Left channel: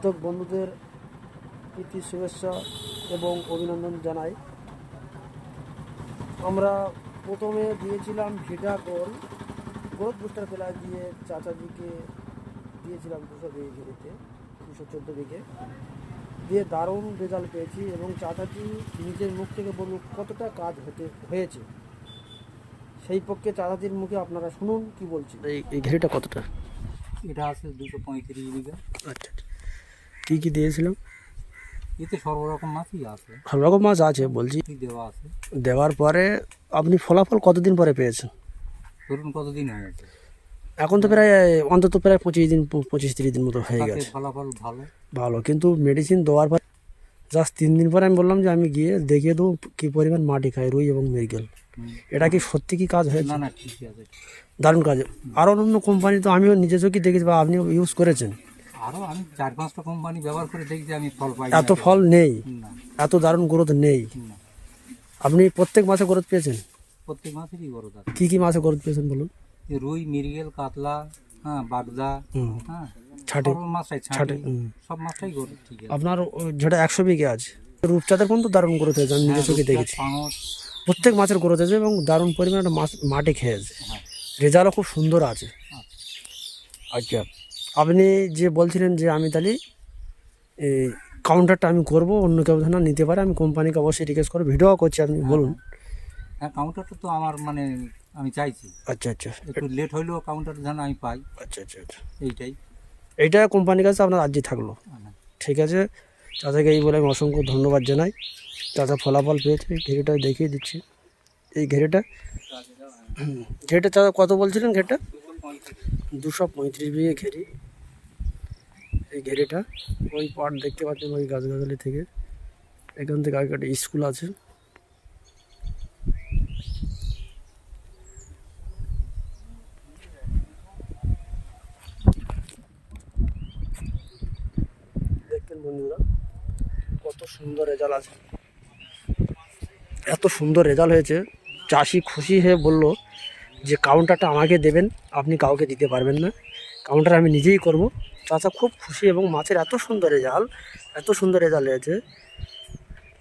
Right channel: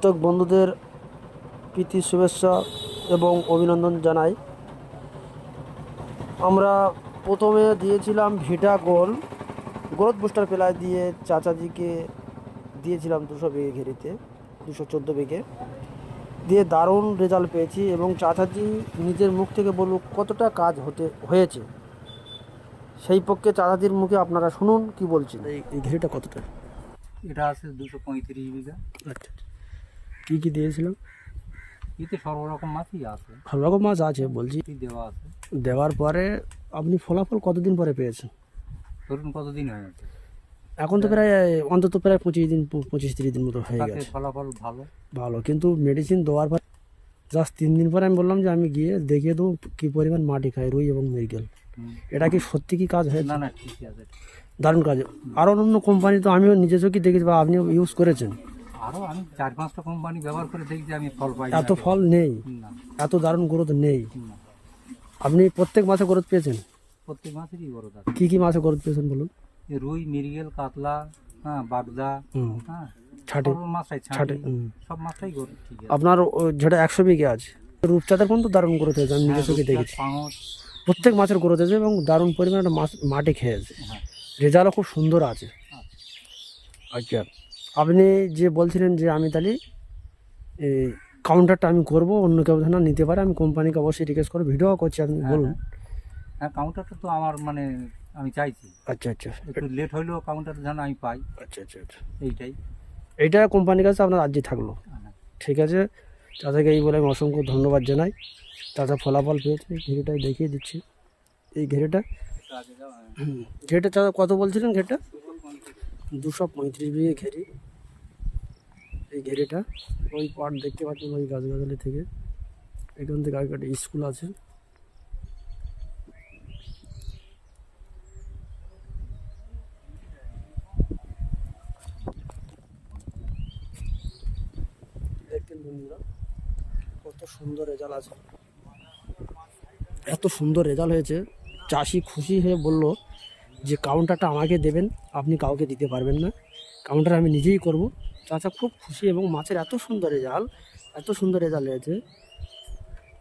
প্রত্যেক বন্ধুদের প্রীতি শুভেচ্ছা এবং অভিনন্দন জানাই। আমরা প্রথমে দিয়েছিলাম ভিটা গোল গ্রোথ বুস্টার প্লাই দিয়ে চাচাজিকে দিয়েছিলাম 200 বিঘে ঘেরিতে, 214 বিঘে দিয়ে দারুণ রেজাল্ট পেয়েছি এবং চাচাজি নিজের মুখ থেকে বলুক কতটা কাজ হয়েছে। সেই পক্ষে চাচাজির মুখে আপনারা শুনুন কি বলছেন। এই ঘেরিটা কতটা? এটা আছে 235 বিঘা। আচ্ছা, কী কী দিয়েছিলাম? এতে সর্বরকম মাছই আছে, সব রকম মাছ আছে বলছি। দেওয়া আছে। দেওয়ার পরে আপনি ফলাফল কতদিন পরে পেয়েছেন? ধরুন কতদিন হয়ে গেছে? এখন তো প্রায় অন্তত প্রায় 25-30 দিন মতো হয়ে গেছে। ফলাফল ভালো, কিন্তু মেডিসিন দেওয়ার পর জাস্ট 3 দিন পরে আমি বললাম যে আমি গিয়ে দেখিয়ে দেবো কী পরিমাণ মাটি খায় রুই এবং মৃগেল। এটা কি সত্যি কি কাজ হয়েছে? না ঠিকই আছে, দারুণ কাজ। আরও অন্য কোম্পানি তো আমিও নিজে চোখে দেখেছি বা আপনিও ইউজ করেছেন। আরও আমি 4-5টা কোম্পানি ব্যবহার করে দেখছি, আমি ফল পাই। এত ফল নেই, না, এত দারুণ গ্রোথ নেই। না। আপনি প্রত্যেক মাসে গ্রোথ পেয়েছেন? প্রত্যেক মাসেরই বড় আছে। কী কী মাসে গ্রোথ পেয়েছেন বলুন? রুই, মৃগেল, কাতলা, বাগদা, ছাটে মাছটাই ছাটে সব মাছটাই ঠিক আছে। আপনার যেটা 100 বিঘে আছে রূপচাঁদের কোন তো দারুণ গ্রোথ হয়েছে, আমি নিজে চোখে দেখেছি। প্রত্যেক মাছের গ্রোথ হয়েছে এবং দারুণ পরিমাণে মাছ মাটি খেয়েছে। রেজাল্টও খুব সুন্দর আছে। আচ্ছা, আপনি যে বলছিলেন যে আমি তাহলে এই কাউন্টারটা আমি করব, অন্য কেউ যেন নিতে পারে, আমি কোম্পানিকে অবশ্যই রিকোয়েস্ট করবো, ভিডিও করছি, আপনি বলুন। কাউন্টারটা তো আমার আমি চাইছি। আচ্ছা, একটু লেট হইলেও কাউন্টারটা যেন আমি পাই। আচ্ছা, এইটা কোম্পানির কাছে আপনার আর্জি থাকলো। ঠিক আছে, চাচাকে এই বলে আমি অসংখ্য ধন্যবাদ জানাই। চাচা ফলাফল পেয়েছে, এই ঘেরিটা দেখিয়ে দিচ্ছি। এই ঘেরিটা চাচা কত বলছিলেন? ঘেরিটা 235 বিঘে ঘেরি। এই ঘেরিটা ওই পাট দেখতে পাচ্ছেন, ওই গাছগাছালি থেকে, এখান থেকে আগে একটা স্কুল আছে। দেখবেন বন্ধুরা কত সুন্দর রেজাল্ট আছে, এত সুন্দর রেজাল্ট হয়েছে। চাষি খুশি হয়ে বলল যে কাউন্টারটা আমাকে দেবেন, আপনি কাউকে দিতে পারবেন না, কাউন্টার আমি নিজেই করব। চাচা খুব খুশি এবং মাছের এত সুন্দর রেজাল্ট হয়েছে,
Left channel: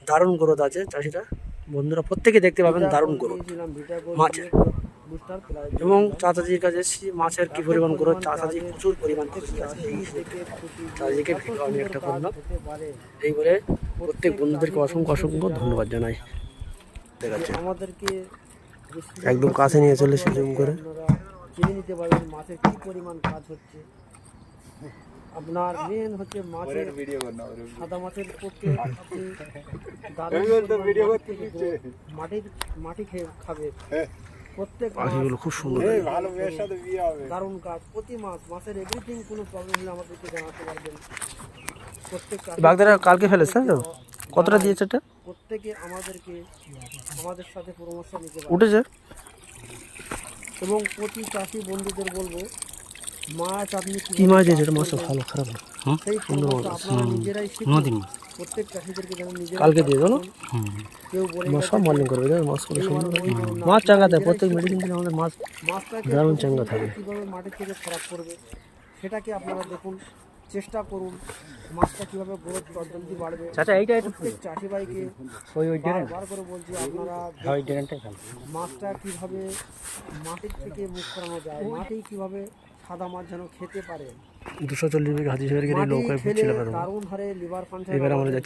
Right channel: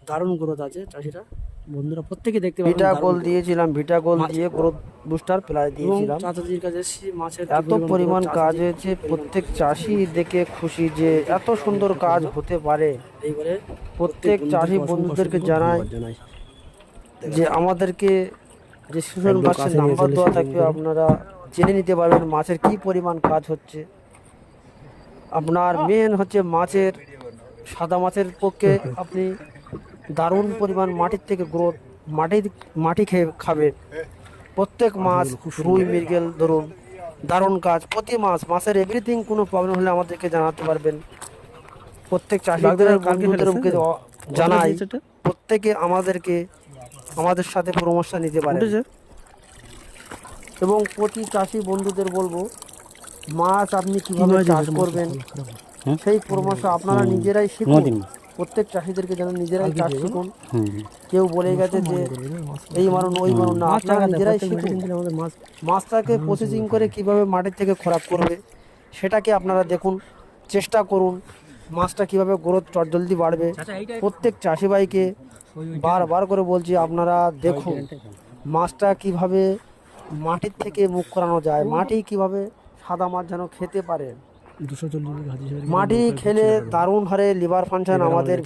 দারুণ গ্রোথ আছে। চাষিরা বন্ধুরা প্রত্যেকে দেখতে পাবেন, দারুণ দিয়েছিলাম ভিটা গোল দিয়ে গ্রোথ বুস্টার প্লাই এবং চাচাজির কাছে মাছের কি পরিমাণ কাজ হয়েছে, প্রত্যেক চাষি দেখে খুশি যে এত সুন্দর কাজ হতে পারে। এই বলে প্রত্যেক চাষি বন্ধুদেরকে জানাই যে আমাদেরকে যে একদম কাছে নিয়ে চলে এসে আপনারা জেনে নিতে পারবেন মাছের কি পরিমাণ কাজ হচ্ছে। আপনার মেন হচ্ছে মাছের, সাদা মাছের পক্ষে আপনি দারুণ পরিমাণ মাটির থেকে গ্রোথ, মাটি খেয়ে খাবে। প্রত্যেক মাছ রুই মৃগেল ধরুন দারুণ কাজ। প্রতি মাছের এভরিথিং কোনো প্রবলেম হলে আমাদেরকে জানাতে পারবেন। প্রত্যেক চাষি কালকে ফেলেছে প্রত্যেকে আমাদের সাথে পরামর্শ নিতে পারে এবং প্রতি চাষি বন্ধুদের বলবো মাছ আপনি কিভাবে চাষ করবেন সেই পরামর্শ আপনারা নিজেরাই শিখুন। প্রত্যেক চাষিদেরকে যেন নিজেরাই কেউ বলে গেছে এই মারুন ওই মারুন না, মাছটাকে প্রসেসিং করে কিভাবে মাটির থেকে খোরাক করবে সেটাকে আপনারা দেখুন, চেষ্টা করুন। মাছটা কিভাবে গ্রোথ জলদি বাড়বে। প্রত্যেক চাষি ভাইকে বারবার করে বলছি আপনারা দেখুন মাছটা কিভাবে মাটির থেকে মুখ করানো যায়, মাটি কিভাবে সাদা মাছ যেন খেতে পারে। 240 বিঘা মাটি খেলে দারুণ হারে লিভার ফাংশন আমাদের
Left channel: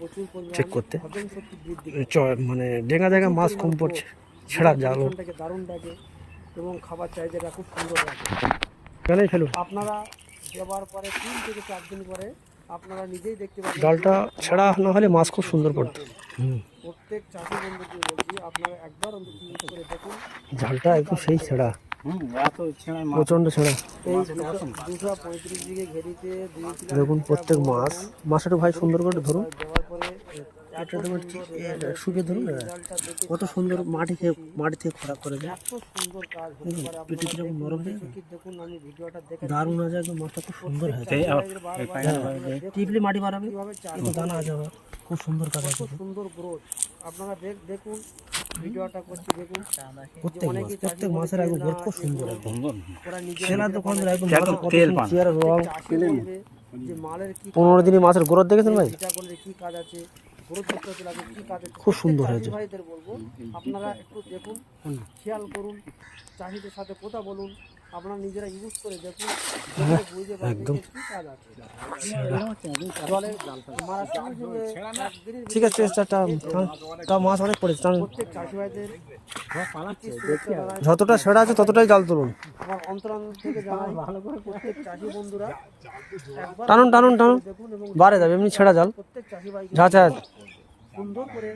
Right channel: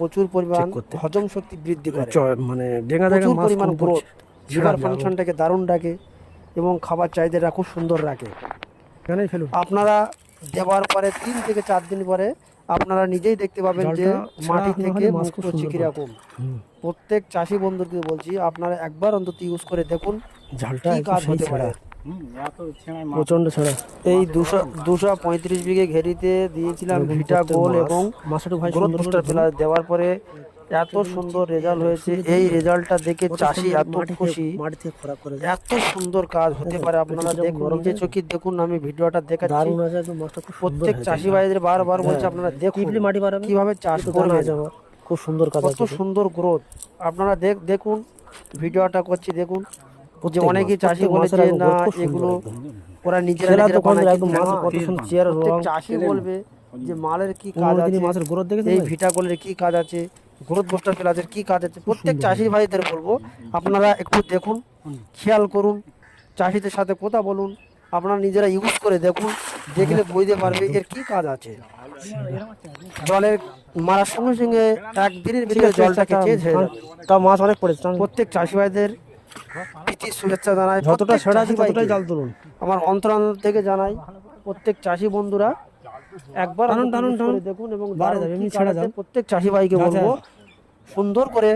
প্রচুর পরিমাণ হজম শক্তি বৃদ্ধি করে, মানে ডেঙ্গা মাছ কম পড়ছে, লিভার ফাংশনটাকে দারুণ রাখে এবং খাবার চাহিদাটা খুব সুন্দর রাখে। আপনারা দেওয়ার পরে 3 থেকে 4 দিন পরে আপনারা নিজেই দেখতে পাবেন যে মাছ খুব সুন্দর কিরকম। প্রত্যেক চাষি বন্ধুকে বলছি আপনারা একবার অন্তত ইউজ করে দেখুন, জালটা একদম সেই ছেঁড়া, প্রচন্ড ছেঁড়া। এই 235 বিঘে ঘেরিতে দিয়েছিলাম ভিটা গোল এবং মাছটা ভাই সুন্দর করে দেওয়ার পরে এত সুন্দর রেজাল্ট হয়েছে। এই রেজাল্টটা দেখে চাষি মাটি থেকে খোরাক করে এত সুন্দর কাজ হতে পারে। আপনারা দেখুন, নিজে চোখে দেখুন, আমি ভিডিওটা দেখাচ্ছি। প্রত্যেক চাষি ভাইদের বারবার বলছে আপনারা দেখুন কিভাবে চাষ করবে, খুব সুন্দর কাজ, কত সুন্দর গ্রোথ। আপনারা দেখুন, ভিডিওটা করছি দেখুন। যে অনেকেই চাষি বলেছে না এগুলো ওরা নিজেরা চাষি বলবে যে মালের কি 15 দিনে মাছের গ্রোথ দেখেছেন ভাই? ভিটাগোলের কি কাজ আছে, গ্রোথ বুস্টার প্লাসের কি কাজ আছে, প্রত্যেক চাষি ভাইদের বলবো আপনারা একটু দেখুন, খেয়াল করুন, চাষিদের সাথে কথা বলুন, আপনারা নিজেরা ইউজ করে দেখুন, দেখলে বুঝতে পারবে এর কি কাজ আছে। জলের মারার সঙ্গে সঙ্গে একদিনের ঠিক ভিতরে আছে, জলটাকে চেঞ্জ হয়ে যাবে। তা মাছ অনেক পড়েছে। প্রত্যেক চাষি ভাইদের প্রীতি শুভেচ্ছা জানাই, যতটা ছেড়া আছে ততটাই জাল তুলুন। আমার অন্তরান্তর থেকে জানাই প্রত্যেক চাষি বন্ধুরা একবার টানুন, টানুন, টানুন। দেখুন এবং বাড়ে যাবে, এমনি ছেড়া জাল। প্রত্যেক চাষি ভাইকে যা, যা। বলবো সুন্দর করে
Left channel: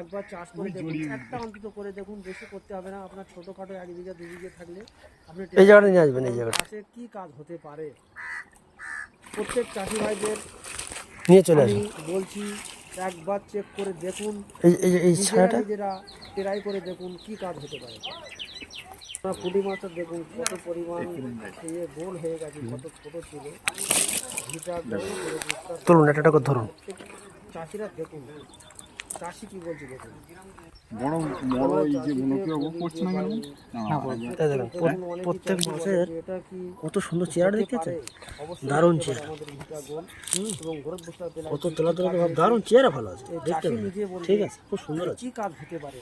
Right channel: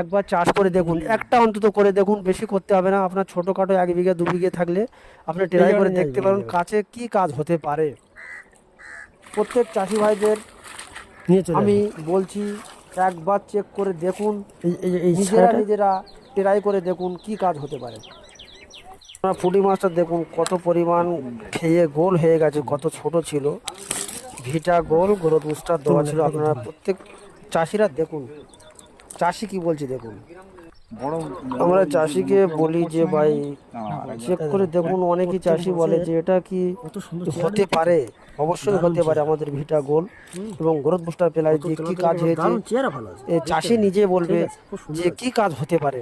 একবার চাষ করে দেখুন, একটা অন্তত করে দেখুন, বেশি করতে হবে না। আপনার ছোটখাটো 1 বিঘা 2 বিঘে থাকলে আপনি ট্রাই জায়গাটা করে নিয়ে দেখতে আসবেন, পারেন এই জায়গাটা। কাছে কি কাজ হতে পারে। প্রত্যেক চাষি ভাইদের নিয়ে চলে আমি আসুন। বলছি একবার চেক করে দেখুন, এই নিজেরা ছেড়াটা নিজেরা ট্রাই করে দেখুন কি কাজ হতে পারে। আপনার পুঁটি মাছটা দেখুন কত পরিমাণ খেয়ে গোল হয়ে গেছে, কত ছোট ছিল। ভিটা গোল গ্রোথ বুস্টার দেওয়া তুলুন, ছিল। এটা করে আপনারা ধরুন। প্রত্যেক চাষিরা দেখুন, চাষি কি বলছি দেখুন। বড় আমরা চাষিকে বলি যে ভাই চেক করে দেখুন, অনেকই চাষি বলে যে এটা কি কত সুন্দর চেয়ার হতে পারে, অবশ্যই হতে পারে। আমাদের ভিটা গোল এবং গ্রোথ বুস্টার পেলাই যে কি কাজ হয়েছে, দারুণ চেয়ার ভালো আছে। এ চাষি নিজে বলবে ঠিক আছে, খুব সুন্দর যে কি কাজ হতে পারে,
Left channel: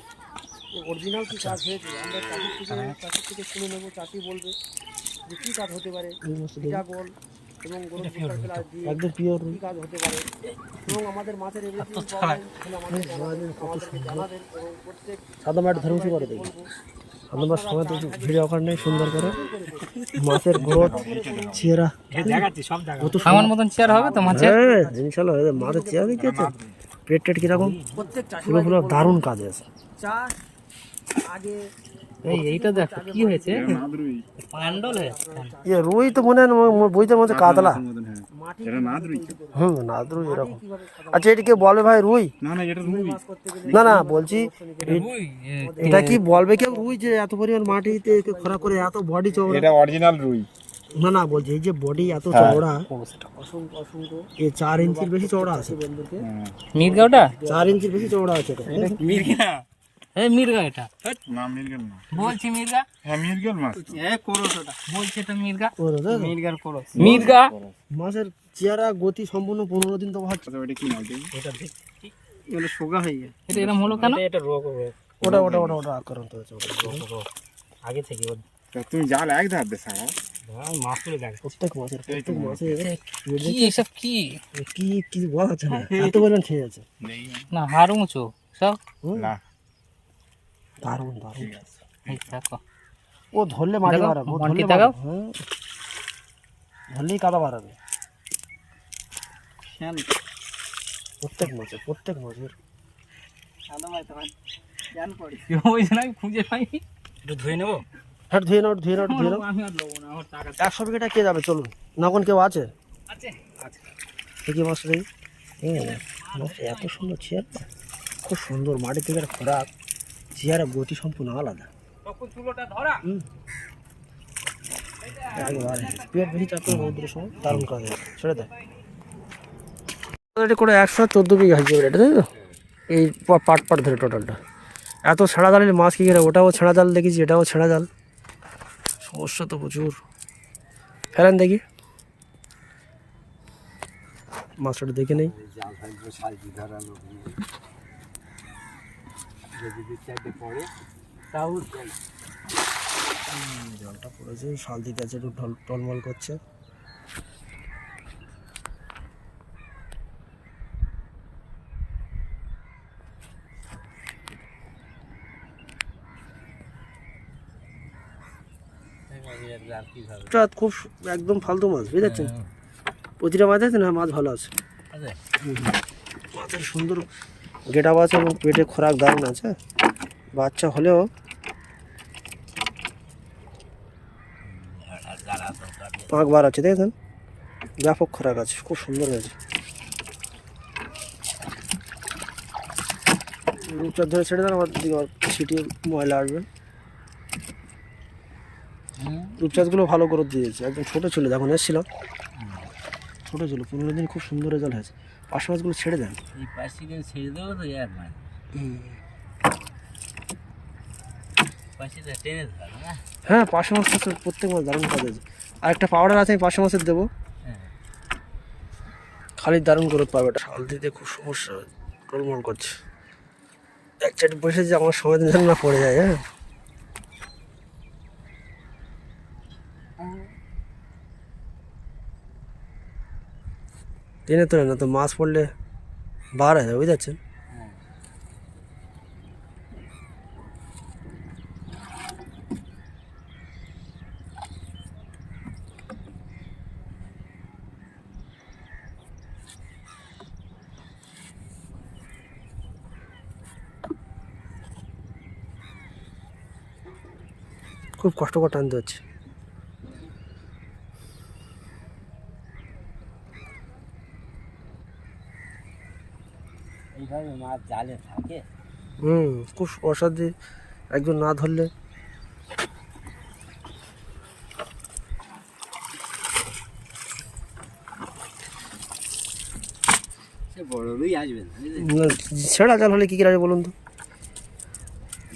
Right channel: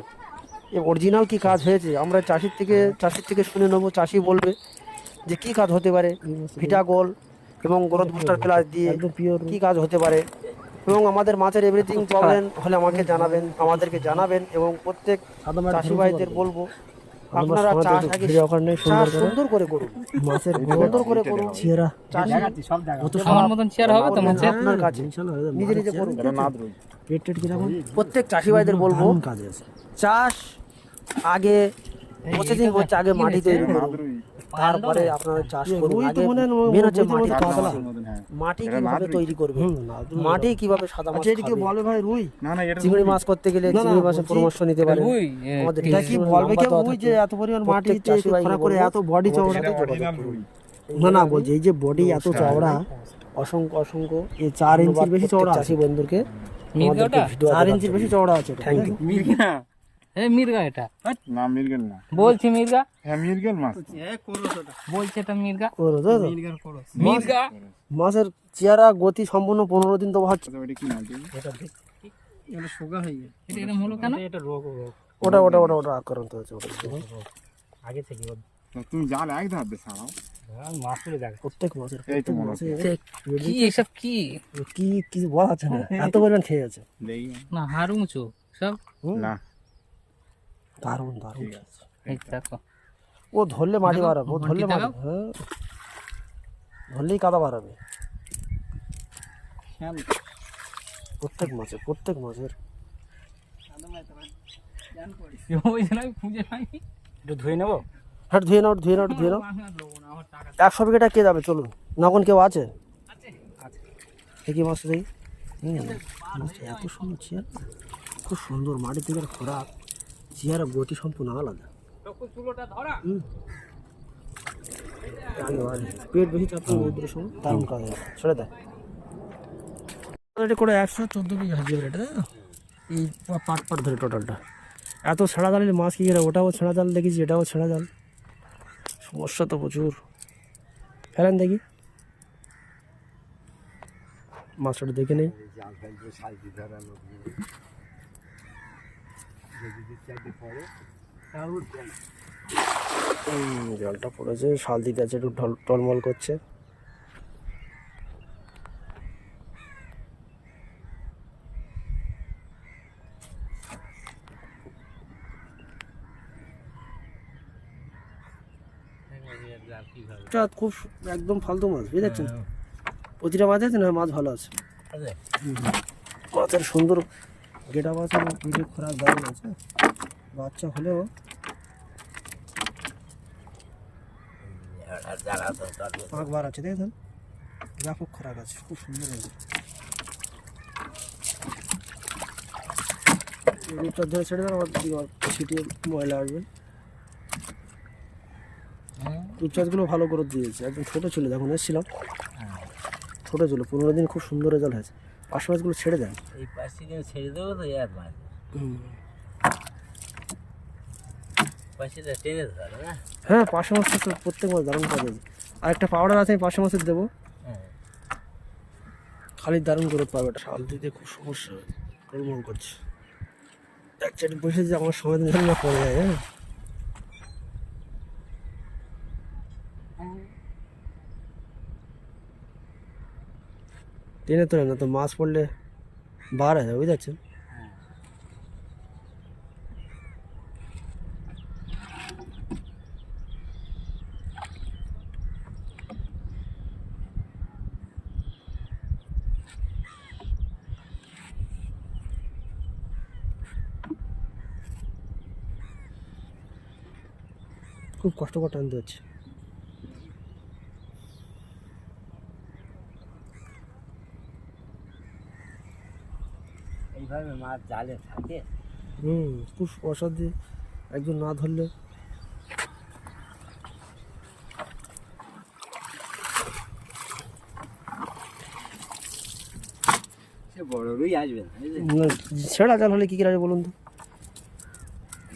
অরিজিনাল কি কাজ হয়েছে। আমরা চাষির থেকে শুনে নেবো, চাষি বলবে যে কি কাজ হতে পারে ভিটা গোল এবং গ্রোথ বুস্টার প্লাস দিয়ে একদম পিওর। কি কাজ হতে পারে। এবং আমাদের মাছের এভরিথিং প্রবলেম হলে আমাকে জানাবেন, আমাদেরকে জানাবেন। এবং প্রত্যেক সাদা মাটি চাষি ধরুন ভাইদের বলবো আমরা আপনারা সময় চাষ একটু আগে ভিডিও করে নেই, সুন্দর করে সুন্দর করে করুন, মাছের গ্রোথ সুন্দর করে করুন। চেয়ারা কত আমার মতন চেয়ার হবে তো মাছের? ইনশাআল্লাহ মাছের চেয়ার কি আছে, পেট টেট কিরকম, প্রত্যেক চাষি ভাইদের বলবো দারুণ কাজে আছে। চাষ আগে এইটা দেখ, আগে কি মাটিতে হয়েছে? নাদরুই তারপরে আপনারা চাষ এ করুন। রুই তো আগে মনে হয় মেন হচ্ছে বইতে মধ্যে কাতলা। মাটি কিভাবে তৈরি করবে, না মাটি কিভাবে সাদা আচ্ছা, এটাকে বলে ভাই রুই? না না এটা চিংড়ি মাছ করতে গেলে না, না, চিংড়ি মাছের বলছি পরামর্শ নিতে পারেন। ওই, আমাদের এটা কি এখানে বলবে কেউ লম্বা রুই পাতা যে এত পরিমাণ মাটিতে চাষি ভাইকে খোঁড়া করে বলবো, এত বডি চওড়া? এটা অরিজিনাল রুই। না না, বলছি এই যে বডি এত চওড়া, অসংখ্য অসংখ্য এই 4 ইঞ্চির বেশি চওড়া আছে। চাষি বন্ধুকে মির্গা ওটা? 4 ইঞ্চির বেশি চওড়া আছে এটা। এই মির্গা এটা, না মিরগেল না, বলছি মির্গা, হ্যাঁ মিরগেল মাছ। বলছে এটা মির্গা। ওর তো মির্গা মাছের চেহারা গতি সম্পূর্ণ 15 দিন তো হচ্ছে। আচ্ছা ওটা কি মাছ দেখি? এটা এরকম হলো কেন? ওটা ওটা ওটা ওটা আক্রান্ত হয়েছে ওটা। তা তুমি জাল এক ধার দে সারাও। প্রত্যেক মাছের কি এসব কি? কি কি বলা যাচ্ছে না, এত পরিমাণ খেয়ে আছে। না হাড় উঁচু সব। না দারুণ দারুণ। এই দেখো, ও ধরলে মাটি দেখো, বাড়াবে, ও মাটি ধরলে দেখাও। বাড়াবে, হ্যাঁ ধরলেই কাদা বাড়াবে। প্রত্যেক মাছের ওই জন্য আমি খুঁজে পাইনি। একটু ধুয়ে নেবো? হ্যাঁ ধুয়ে নাও ধুয়ে নাও ধুয়ে নাও। আমি আর নেবো না, আমার টাকা 100 বিঘাটা কে যাবে, চলুন। নগন কেউ আছে? দেখি মাছ দেখি। মাছটা এত সুন্দর চেয়ার, খুব সুন্দর। মাটি থেকে খোরাক, চেয়ারের গতি সম্পূর্ণ আলাদা। তখন চুলোটা ধরা। পেট বেশি চাপ করে রৌদ্রের সময় দারুণ কাজ হয়, ছেড়ে দেয়। এটা করে 114 বিঘা হয়েছে এটা, তাই তো? এই পাট পাট ধরে টোটালটা এত ছেঁড়া জালের মাছ কি করে? ওটাও ছেঁড়া জাল দেখেছি, এটাও ছেঁড়া জাল। সমস্যা তো প্রচুর। ফেলেন দেখি মাছটা দেখে নেই। জলটা পড়েছে, শাল দিতে আছে, একটু টলমল করছে। খুব একদম ফালতু মাছ, বুঝতে প্রতিটা মাছ আছে না, মাছ ভালো আছে। মাছের সুন্দর গেট আপ আছে এবং পেটে খোরাক দারুণ আছে। বাচ্চা হলেও পাঁক বার আছে, দেখেছেন? ব্যাপক খোরাক আছে, খুব সুন্দর হয়েছে। রূপচাঁদ ধরে ছেড়ে দেন, আবার ছিটিয়ে ময়লা আসবে। রূপচাঁদগুলো ভালো করে দিয়েছে, একদম ছোটো ছিল যখন এসেছিলাম, ছোটো ছিল। 15 দিন খুব সুন্দর রেজাল্ট হয়েছে। পাশ মাছগুলো ছেড়ে দেন। এই পাশে ছেড়ে দেবো তো একবার, পাশে টেনে ধরে না। হ্যাঁ, পাশে মাছটা তো প্রত্যেক মাছ দারুণ কাজ হয়েছে। আর একটা পাউডার আছে, আমি পাশে মাছের দেবো। খালি দারুণ গ্রোথ পাবে। এটা শাল দিতে খুব সমস্যা, টলমল করছে। এক চাটি বসে যে আমার সময় যেন না পড়ে যায়। হ্যাঁ, টেনে তোলে না তো মাছ পড়লে বার হয়ে যাবে, বুঝতে পারছেন। খুব কষ্ট করে টানতে হচ্ছে। এইভাবে মাছ জালে থাকে। খুব অসাধ্যে একজন না ধরলে। সে বড়ই আসবে না, ছেঁড়া জাল হলে কী কী আসবে বলুন তো?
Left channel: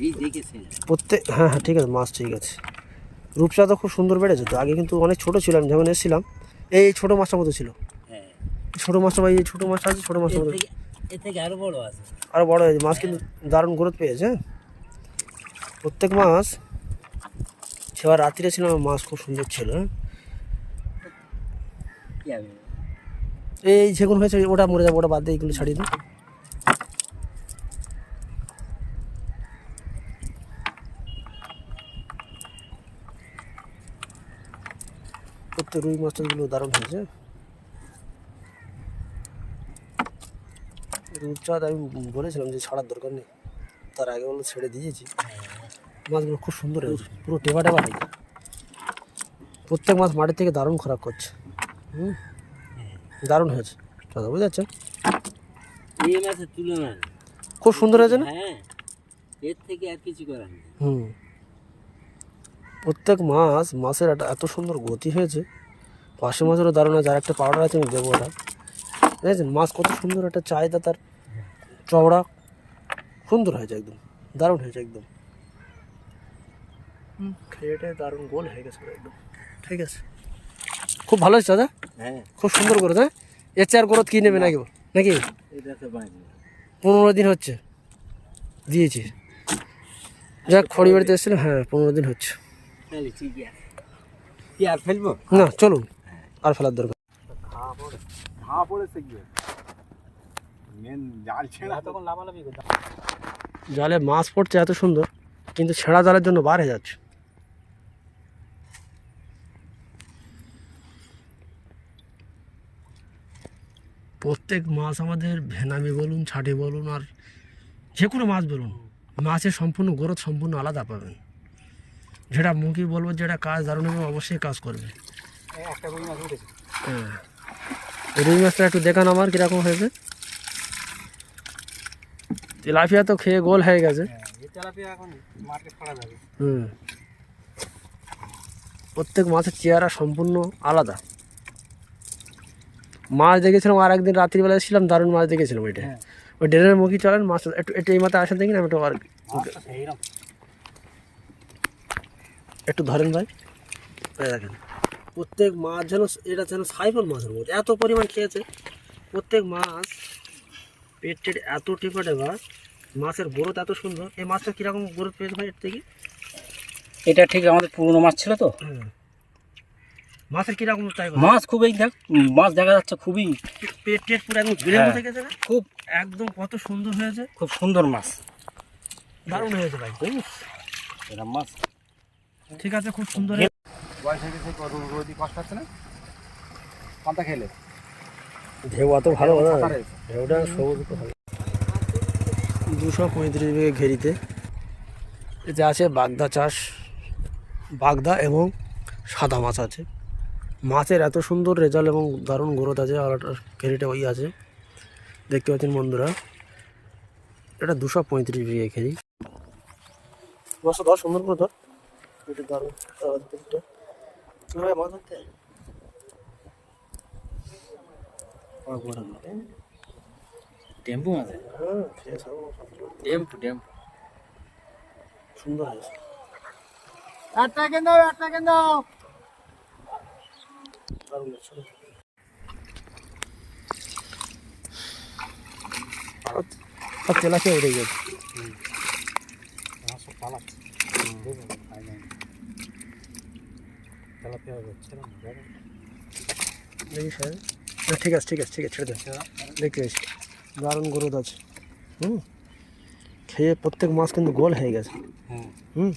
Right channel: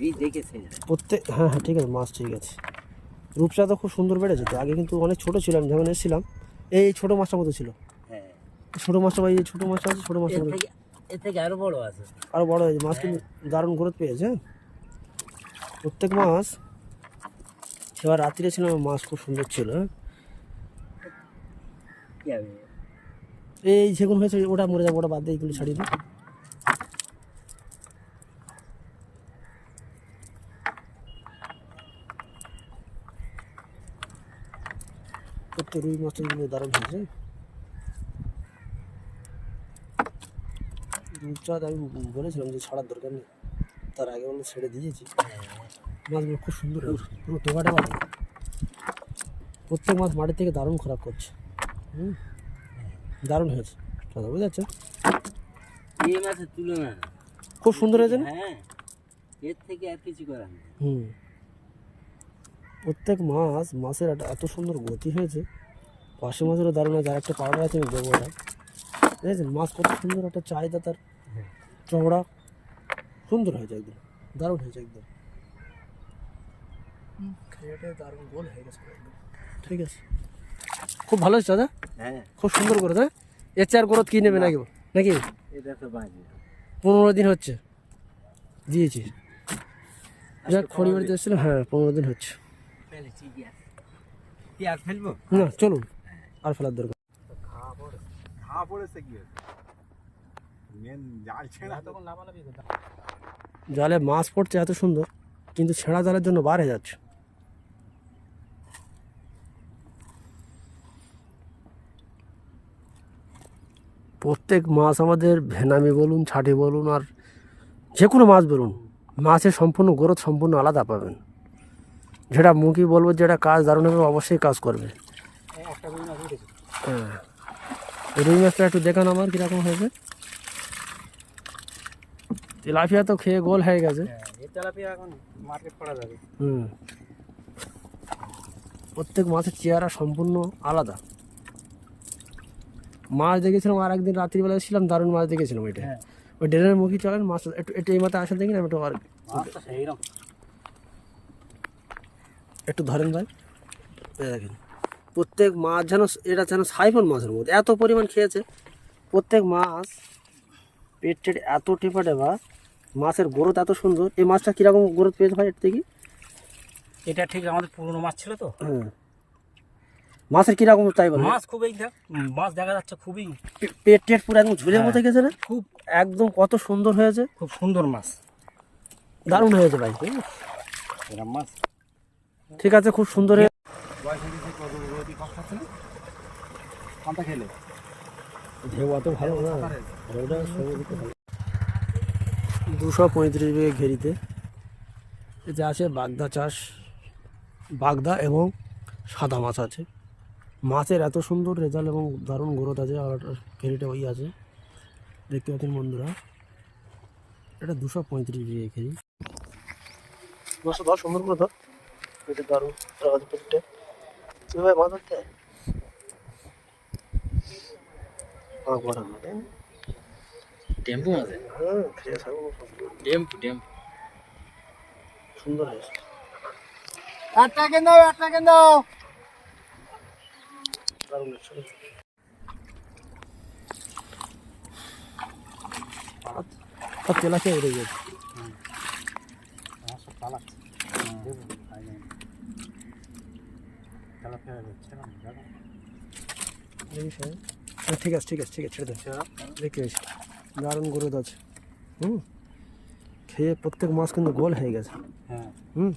এই দেখেছে প্রত্যেক, হ্যাঁ হ্যাঁ ঠিক আছে, মাছ ঠিক আছে। রূপচা তো খুব সুন্দর বেড়েছে তো। আগে কিন্তু অনেক ছোটো ছিলাম যখন এসেছিলাম, এই ছোটো মাছটার মতো ছিল। হ্যাঁ, ছোটো মাছটা বা এই ছোটো মাছটা আছে, ছোটো মাছটার মতো এর থেকে আরো বড় আছে। আরও বড় হয়েছে মাছ, কিন্তু দারুণ গ্রোথ পেয়েছে। হ্যাঁ, প্রত্যেক মাছ। সেবার রাত্রিরে ছিলাম, মাছ খুব সুন্দর ছিল। হ্যাঁ, কি হবে? এই যেগুলো হয়েছে ওটা মরে যাবে, ওটা বাদ দিয়ে এইগুলো ছাড়িয়ে দিই। প্রত্যেক রুই মাছগুলো দারুণ হয়েছে। রূপচাঁদ আমি বলেছিলাম যে ছাড়ার দরকার নেই, তার আগে বলে ছেড়ে দিয়েছি। মাছগুলো খুব সুন্দর হয়েছে, পুরো টেবা টেবা হয়েছে। প্রত্যেক মাছ মাটির থেকে দারুণ খোরাক করছে। দারুণ হয়েছে দাদা, বুঝতে পারছেন। এই মাছের তুলনা খুব সুন্দর হয়েছে না? হ্যাঁ, এর থেকে আর কিছু করার নেই। প্রত্যেক মাছের এত সুন্দর গতি হয়েছে। পাশে মাছেরও দারুণ আছে। আর একটা পাউডার আছে, আমি দেবো ওটা। বুঝেছেন, মাছ কত সুন্দর একটা চাহিদা তার, চওড়া সুন্দর হয়েছে, একদম দারুণ হয়েছে একদম। খেয়েটে দারুণ গোল হয়ে গেছে একদম। ঠিক আছে, খুব ভালো হয়েছে দাদা। হ্যাঁ, খুব সুন্দর করে। হ্যাঁ, এর চেয়ে আর গ্রোথ কী নেবে নাকি নাকি? এটা তো বাজে 15 দিন হচ্ছে দিয়েছি। যাক, খড়ি বাড়িতে এসেছিলাম। হ্যাঁ, 15 দিন হচ্ছে। তাহলে ঠিক আছে, কি আর ফেলবো? না, চলুন, আর ফেলার দরকার। ঘা পড়েছে গিয়ে মেন জাল ছেড়া তখন লাভালাভি করতে জালে মাছ পড়ছে এত সুন্দর, কিন্তু ছেঁড়া জালের জন্য বার হয়ে যাচ্ছে। প্রত্যেক মাছ আমাদের ভেনামি বলুন, ছাটি বলুন, আর যে কোনো মাছ বলুন, মাছের সম্পূর্ণ গ্রোথ সম্পূর্ণ আলাদা পাবেন। যেটা মুখি বলবো, যেটা কাজ দারুণ হবে, অবশ্যই কাজ করবে। একটা রুই মাছ উঠেছে। হ্যাঁ, রুই মাছটা একটু দেখান আমার কীরকম হয়েছে। তেলাপিয়া তো খেয়ে গোল হয়ে গেছে। এই তেলাপিয়া এখন মার্কেট করা যাবে। প্রত্যেক মাছের চেহারা সম্পূর্ণ আলাদা। মাছ দেখেছিলাম, আর একদিন রাত্রিবেলা এসেছিলাম, দারুণ মাছ দেখেছিলাম। ওইটা ওই ড্রেনের মুখী চলেন, মাছ একটু একটু এই মাথায় আসেন, দেখি না, একটু আর একটু ধরেন ভাই। দেখেন প্রত্যেক মাছ যেন, এটা যেন সাইফন মাছের মধ্যে এত পরিমাণ খেয়েছে। প্রত্যেক মাছ পেট টেট এত টেপা টেপা, মাছের গ্রোথ এত সুন্দর। এই মাছটা কীরকম গ্রোথ পেয়েছে ভাই এর থেকে? এটা ঠিক আমাদের পুরনো মাছ ছিল তো। মাছের কীরকম তাই মাছ খুব, এই দেখ মাছ দেখা যাচ্ছে খুবই পেট টেট পুরো একদম গ্রেভি হ্যাঁ। থেকে যাবে, খুব একদম কত সুন্দর হয়েছে, খুব সুন্দর মাছ, দারুণ হয়েছে ভাই। এরকম মাছ ঠিক আছে, খুব সুন্দর। কষ্ট হচ্ছে না কোনটা খেলে? ঢেউ এত ভালো না, ঢেউটা সবুজ ভালো। 235 বিঘে ঘেরিতে এতে আছে বাগদা চাষ, বাগদা এবং সাদা মাছ আছে। মাছের এত সুন্দর রেজাল্ট এবং দারুণ গ্রোথ আছে। আর ঘেরিটা ওই আছে, দেখতে পাচ্ছেন বন্ধুরা। এটা 235 বিঘে ঘেরি। মাছটা ধর, সুন্দর করে ধর, এটা দারুণ প্রত্যেকটা। কীভাবে মাছ ধরতে টেম্পু মাছ। হ্যাঁ, ফ্রেশ হবে, টেম্পু সুন্দর হয়েছে। দারুণ লাগছে। সব তেলাকে উঠে গেছে। দেখি স্যার, না ঠিক আছে ঠিক আছে ঠিক আছে, ছেড়ে দেন। দেখতে পেয়েছি দারুণ গ্রোথ আছে। খেয়ে প্রত্যেক মাছ কিন্তু গোল হয়ে গেছে। হুম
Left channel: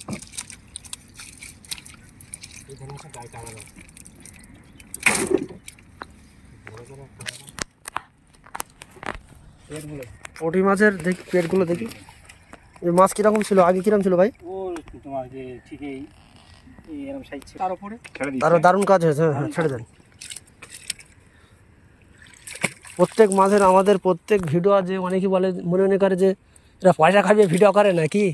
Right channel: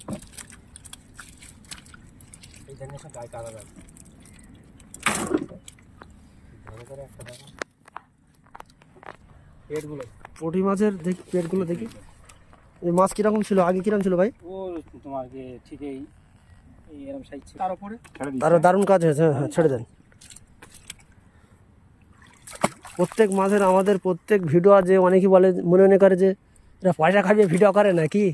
পুঁটি মাছের দেখি পেটগুলো দেখি। এই মাছ কিরকম ছিল আগে, কিরকম ছিল ভাই? ও তোমার যে ঠিক এই এরকম সাইজ ছিল, তার উপরে তারও দারুণ কাজ হয়েছে। হ্যাঁ ছেড়ে দেন। প্রত্যেক মাছের আমাদের প্রত্যেক ভিডিও যে অনেকেই বলে, মনে করে যে এরা পয়সা খাইয়ে ভিডিও করে নাকি।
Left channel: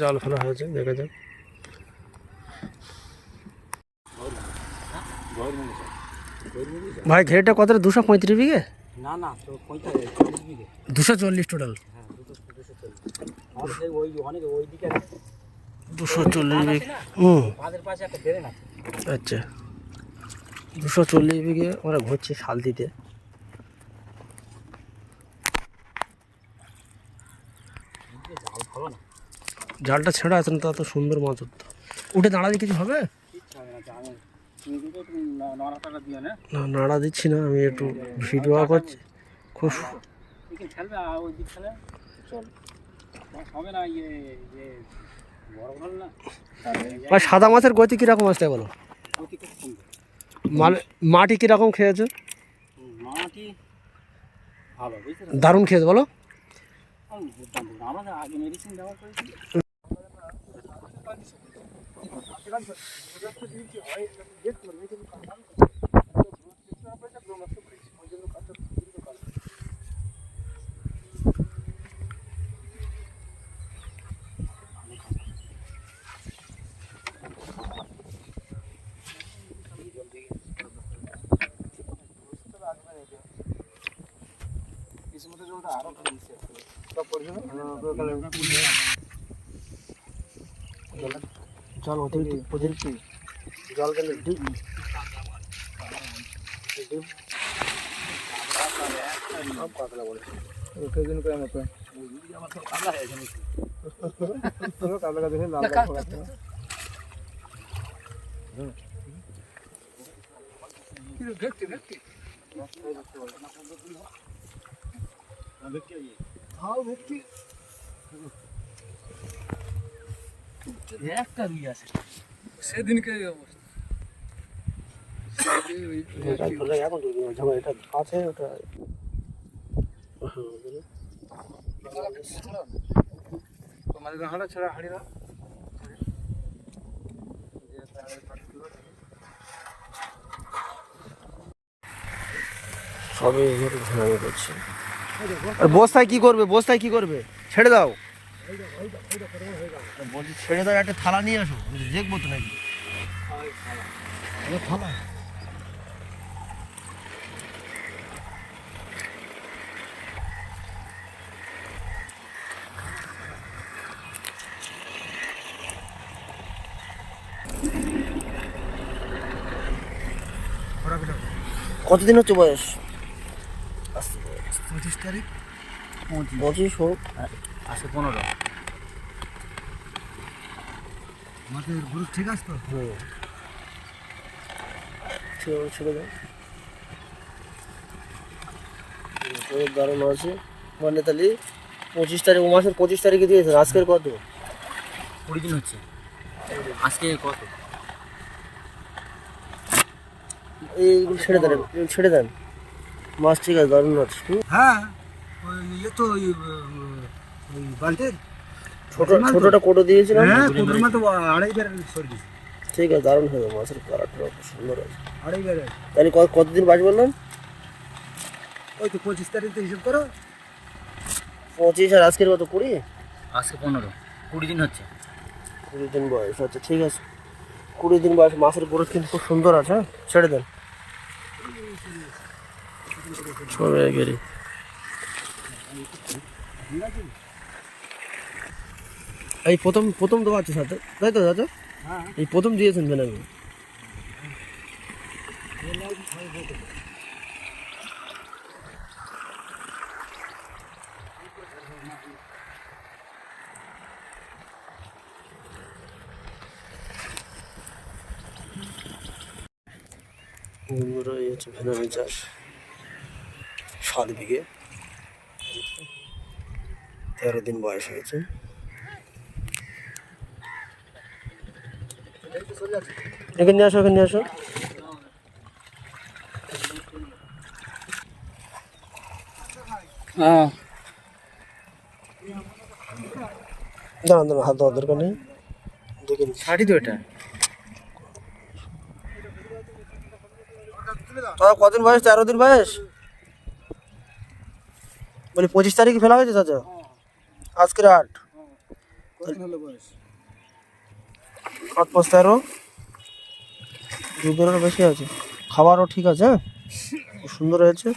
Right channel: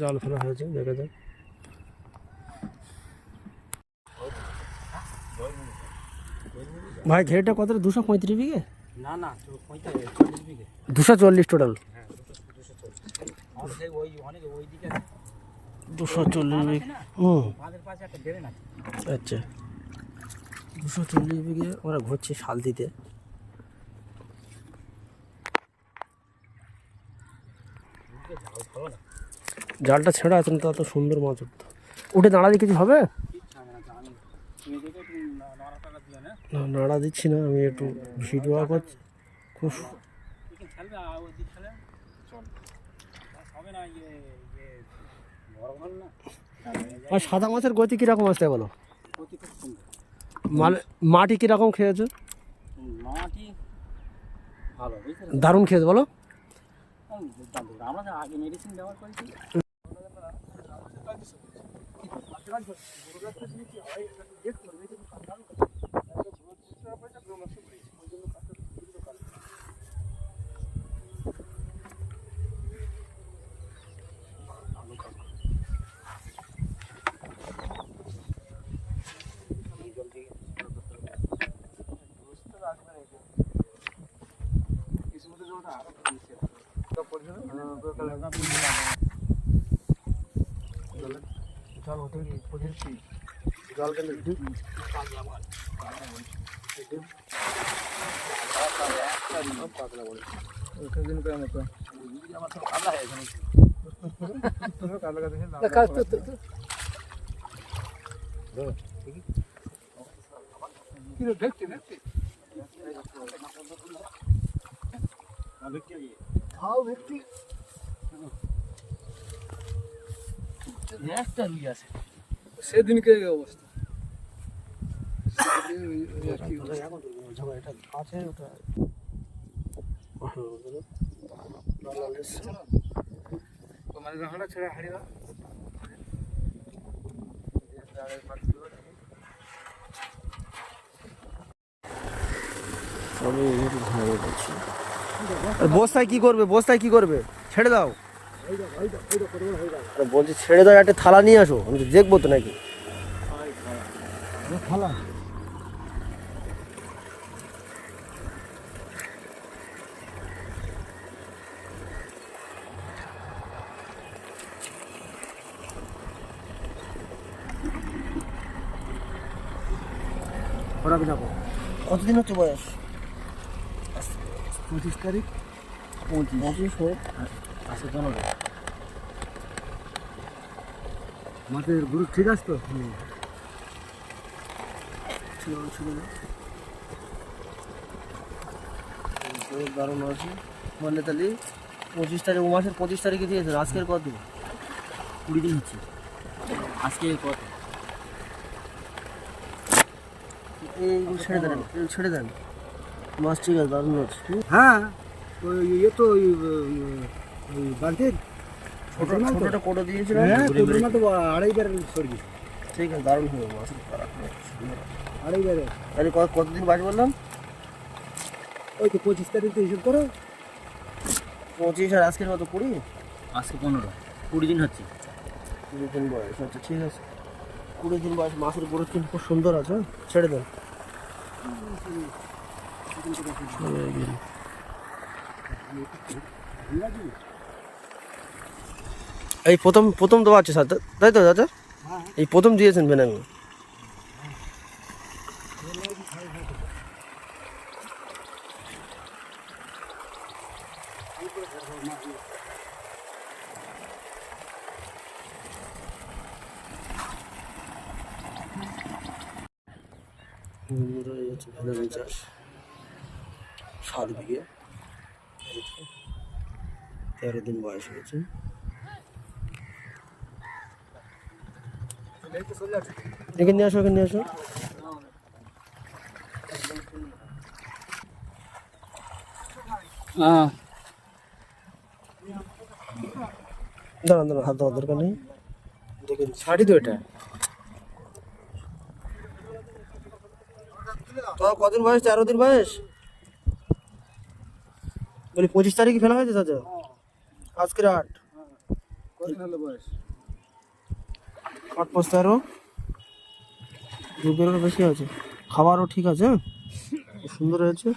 জাল ফেলা হয়েছে, দেখা যাক। ভাই ঘেরটা কত? 235 বিঘে? না না, তো 45 বিঘে, 240 টোটাল। হ্যাঁ 240 ওই অনেক ওই দিকে 240 বিঘে। আমাদের পাশে একটা ড্রেন আছে। আচ্ছা 240 বিঘে আমরা ঘুরছি শাল দিতে। জালটা ছেঁড়া আছে না, তা তো সুন্দর মাছ উঠতো। উঠে দাঁড়ালে কিছু হবে না? নাড়া দিচ্ছি না আমি, একটু ভিডিও করছি। খুব ভাই সাদা মাছের গতি কীরকম আসতে বলো? মাটি কীরকম খেয়েছে? মাটি ভালো, দারুণ খেয়েছে বলো। আমরা আগে মেডিসিন ব্যবহার করেছি। জল ওদের জল গেলে একটা রুই আছে সেদিনকে অবস্থা। এটা আছে ওটা ছাড়া হাড়ি না। সবে ঝাড়ু করছি। আর বস্তায় কি করবে? বস্তায় কি করবে? ছেড়ে দাও। বলছি ছেড়ে দাও, একটা থালা নিয়ে আসো, আমি তো দেখবো তো নাকি। থালা কতদিন হচ্ছে বয়স? 25 তারিখ। 25 হোক, আসে 15। মাছের গ্রুপ ঠিক আছে তো? ছেড়ে দাও। দারুণ আছে মানে। তাহলে 25 তারিখ, ও মাসের 25 তারিখে দিয়েছে। আজকের কত? 20 দিন হচ্ছে। আজকে কত? এইগুলো ছেড়ে দেন, এগুলো ছেড়ে দেন। মাছ ঠিক আছে, দারুণ আছে। হ্যাঁ ওই তো ওই বালতির ছোটটা কোটো দিয়েছিলাম। হ্যাঁ কোটোর মতো 2.5 ব্যারেল সরগি। ঠিক আছে, দারুণ হবে মাছের কালারটা, সুন্দর আছে। 2.5 ব্যারেল। তাহলে কতদিন বাজ বললাম? ওই তো 25 তারিখ তো হিসাব করো। 25 আর আজকের কত? 20। আজকে 15, 20 দিন হচ্ছে। 20 দিন বয়স। আচ্ছা ঠিক আছে, 20 দিন বয়স। মাছের গ্রোথ কিন্তু খুব সুন্দর আছে। ছেড়ে দেন। সবে গেরি এই প্রথম দেওয়া আছে সাথে, তাই তো দাদা? এই প্রথম দিয়েছেন ভেনামি? বন্ধুরা এই হচ্ছে ভেনামি চাষ, 7 বিঘে, 13 দিন বয়স হয়েছে। এখানে নিয়ে আসো, এখানে নিয়ে আসো। দাঁড়ান দাঁড়ান, হাত দেওয়ার দরকার নেই, দেখে নিচ্ছি। শাড়ি তো এটা দাদা কদিন বয়স? 13 দিন বয়স। বলি 25 তারিখে ফেলা হয়েছে চাচা, আজকের 8, 8 5 13, দুধেরও বেশি আছে, খাবারও ঠিক আছে, হ্যাঁ, খুব সুন্দর হয়েছে।